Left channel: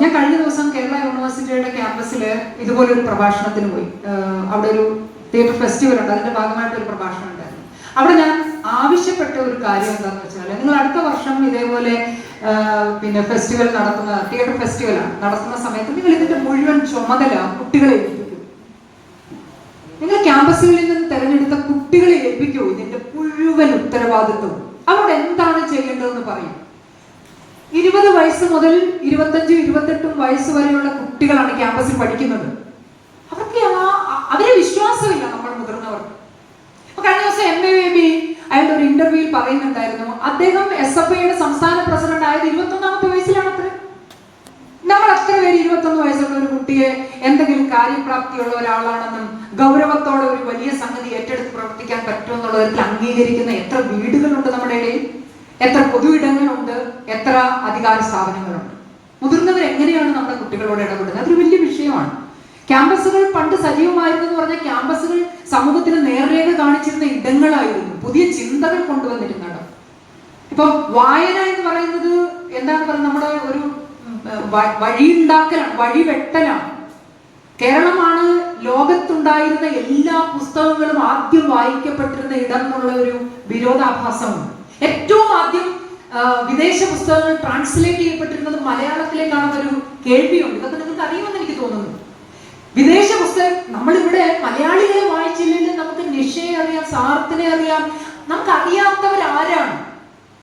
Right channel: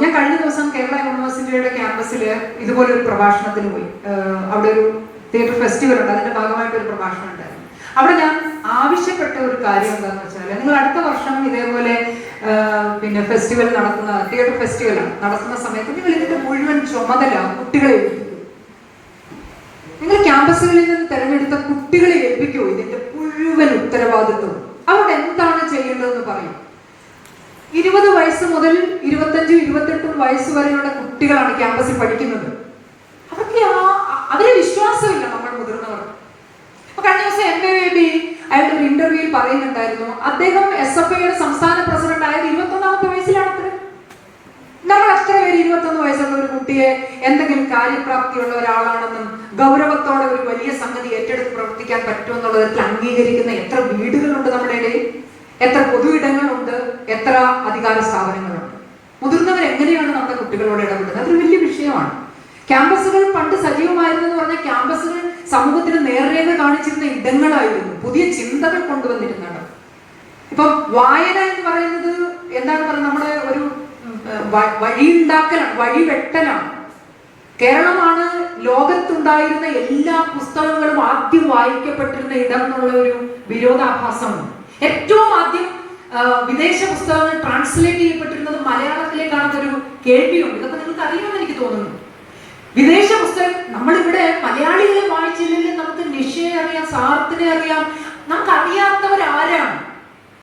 ഞാൻ കഴിഞ്ഞ ദിവസം കേരള യൂണിവേഴ്സിറ്റിയുടെ ക്യാമ്പസിൽ ഇതുപോലൊരു പ്രഭാഷണത്തിന് പോയി. അവിടെ ഒരു തിയേറ്റർ ഫെസ്റ്റിവൽ ഉണ്ട്, അതിന്റെ ഭാഗമായിട്ടൊരു പ്രഭാഷണം ഉണ്ടായിരുന്നു. അവിടെ ഞാൻ ആവശ്യപ്പെട്ട ഒരു കാര്യം എന്താണെന്ന് വെച്ചാൽ, നിങ്ങൾ അടുത്ത വർഷം ഇതേപോലെ പിന്നെ ഫെസ്റ്റിവൽ നടത്തുന്ന തിയേറ്റർ ഫെസ്റ്റിവൽ നടത്തുന്ന സമയത്ത് നിങ്ങൾ ഇതിന്റെ മുഴുവൻ ചുമതല കുട്ടികളെ ഏൽപ്പിക്കും. നിങ്ങൾ ക്യാമ്പസുകളിൽ നിന്ന് തെരഞ്ഞെടുത്ത കുട്ടികളെ ഏൽപ്പിക്കൂ ഇതിന്റെ മുഴുവൻ ഉത്തരവാദിത്വം. അവിടെ എന്താണ് ചെയ്യേണ്ടതെന്ന് പറയും. 20 വയസ്സ് മുതൽ 25, 28 വയസ്സ് വരെയുള്ള കുട്ടികളാണ് ക്യാമ്പസിൽ പഠിക്കുന്നത്. അവരെ വിശ്വാസമില്ല നമ്മൾ മുതിർന്നവർ. അപ്പൊ കഴിഞ്ഞ ദിവസം MAVB അയാളുടെ ഒരു ഇന്റർവ്യൂവിൽ പറയുന്നുണ്ടായിരുന്നു, അദ്ദേഹം SFIയുടെ സംസ്ഥാന പ്രസിഡന്റ് ആയത് 21ാമത്തെ വയസ്സിലാണ്. നമ്മൾ അത്ര പേര് 21 വയസ്സുള്ള ഒരു കുട്ടിയെ എന്തെങ്കിലും കാര്യപ്രാപ്തിയുള്ള ഒരാളാണെന്നും ഗൗരവത്തോടെ ഒരു വലിയ സംഗതി ഏറ്റെടുത്ത് പ്രവർത്തിക്കാൻ പറ്റുമെന്നുള്ള തരത്തിൽ അംഗീകരിക്കുന്ന എത്ര വീടുകളുണ്ട് നമ്മുടെ ഇടയിൽ, എത്ര പൊതു ഇടങ്ങളുണ്ട്, എത്ര അധികാര സ്ഥാപനങ്ങളുണ്ട്. മുതിർന്നവർ എങ്ങനെയാണ് നമ്മുടെ കുട്ടികളോട് ഇടപെടുന്നത്? അതൊരു വലിയ വിഷയമാണ്. ക്യാമ്പസുകൾ പണ്ട് സജീവമായിരുന്നെന്ന് പറഞ്ഞാൽ ക്യാമ്പസുകൾ സമൂഹത്തിന് നേർരേഖ കാണിച്ചിരുന്ന ഇടങ്ങളായിരുന്നു, പുതിയ ചിന്തകൾ കൊണ്ടുവന്നിരുന്നത്. ഇപ്പൊ വായന എന്ന് പറയുന്നത് എന്താണ് പറയുന്നത്, നമ്മുടെ ഒരു വഴിയുണ്ടാക്കലാണ്, വഴിവെട്ടലാണ്. കേരളമാണ് ലോകത്തുണ്ടായിരുന്ന എല്ലാ പുസ്തകങ്ങളും ആദ്യം വായിക്കപ്പെട്ടിരുന്ന ഇടം എന്നുള്ള ഒരു വിരോധാഭാസമാണ്. ഏറ്റവും ആദ്യം വിദേശ പുസ്തകങ്ങൾ ട്രാൻസ്ലേറ്റ് ചെയ്യപ്പെട്ടിരുന്നത് മലയാളത്തിലേക്കാണെന്നൊരു കേൾവിയുണ്ട്. ഇതൊക്കെ നിങ്ങൾക്ക് അറിയുമെന്ന് എനിക്ക് തോന്നുന്നു. വിദേശ പുസ്തകം നമ്മളിവിടെ മലയാളികളെ വായിച്ചില്ലെങ്കിൽ നമുക്ക് നിഷയെ അറിയാം, സാർത്തിനെ അറിയാം,